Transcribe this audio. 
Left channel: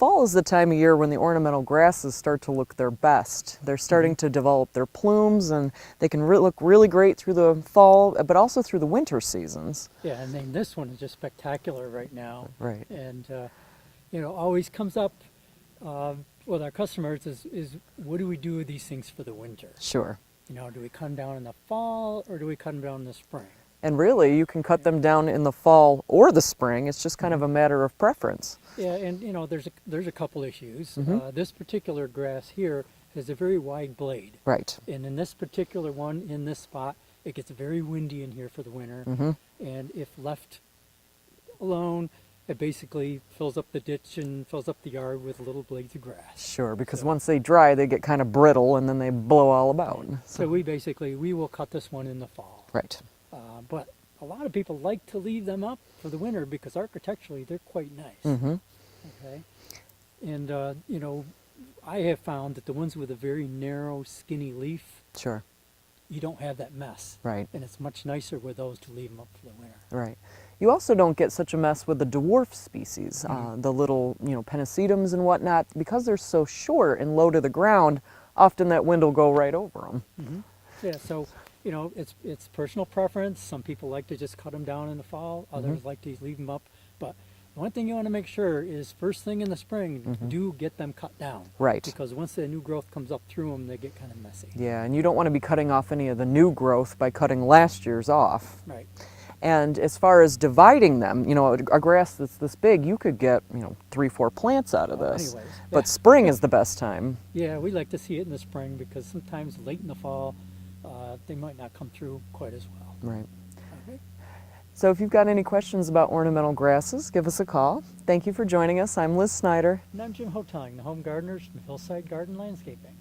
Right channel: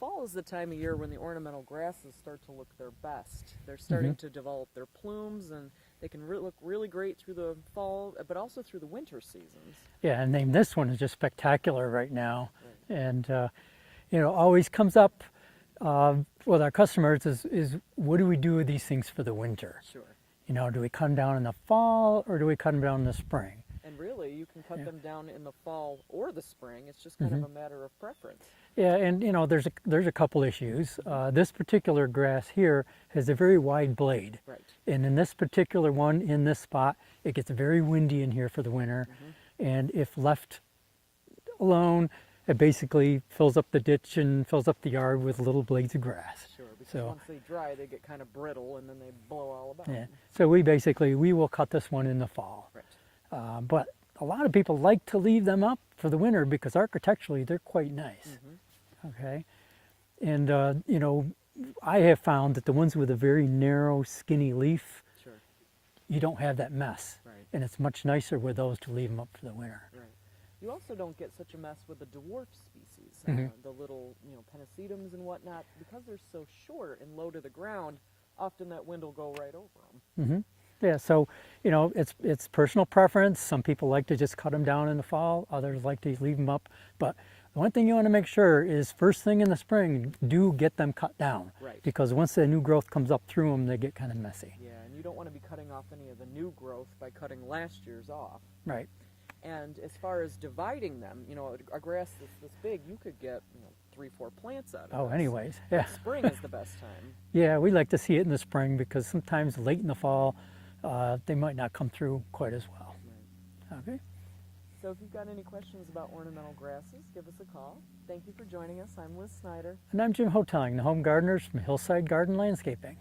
fall is the time of year when the ornamental grasses start to look their best. They're starting to develop their plumes, and they can look really great through the fall, but also through the winter seasons. Yeah, and then this one is just spectacular right now. Right. And, you know, always comes up with our customers is what do we do with these things for the winter? Sure. You know, do we cut them down in the fall or do we cut them down in the spring? And really, you can cut them down in the fall or the spring. It's just kind of a matter of preference. Yeah, and you know, there's a couple issues. This particular grass here has a very wide blade. Right. And in this particular one, in this spot, it gets very windy in here for the winter. And if left alone, it basically fills up the ditch and fills up the yard with little blades of grass. Sure, because So- once they dry, they get kind of brittle and then they blow all about. And so we will cut this one in the fall. Right. But a lot of people like to leave them up for the winter because architecturally they're quite nice. Okay, and you know, I have found that the ones with a very narrow, skinny leaf, Sure. you don't have that mess. Right. And it's much nicer with those to leave them up for the winter. Right. You also don't get such a mess with the dwarf species, the little, you know, pennisetums and whatnot, because they're so short and low to the ground. Often that wind will go right over them. Yeah. So you know, it's personal preference. Some people like to just cut them down in the fall. Others like to leave them up. But one thing you want to make sure is first thing in the spring, do get them cut down. Right. Because once the new growth comes up through them, they get kind of messy. Yeah, and you don't want to be cutting off any of the new growth by cutting last year's off. Right. And as far as dividing them, you know, a grass that's this big, you could get, you know, 3-4 plants out of this. Anyways, But spring is the best time. yeah, we like to see it in the spring because sometimes late in the fall, they might not come through quite as well. Right. Okay. So if you've got any questions about ornamental grasses, give us a call. Thank you for joining us. I'm Liz Snyder. And I'm Jim Hoteling, the home gardeners from Hillside Garden Landscaping.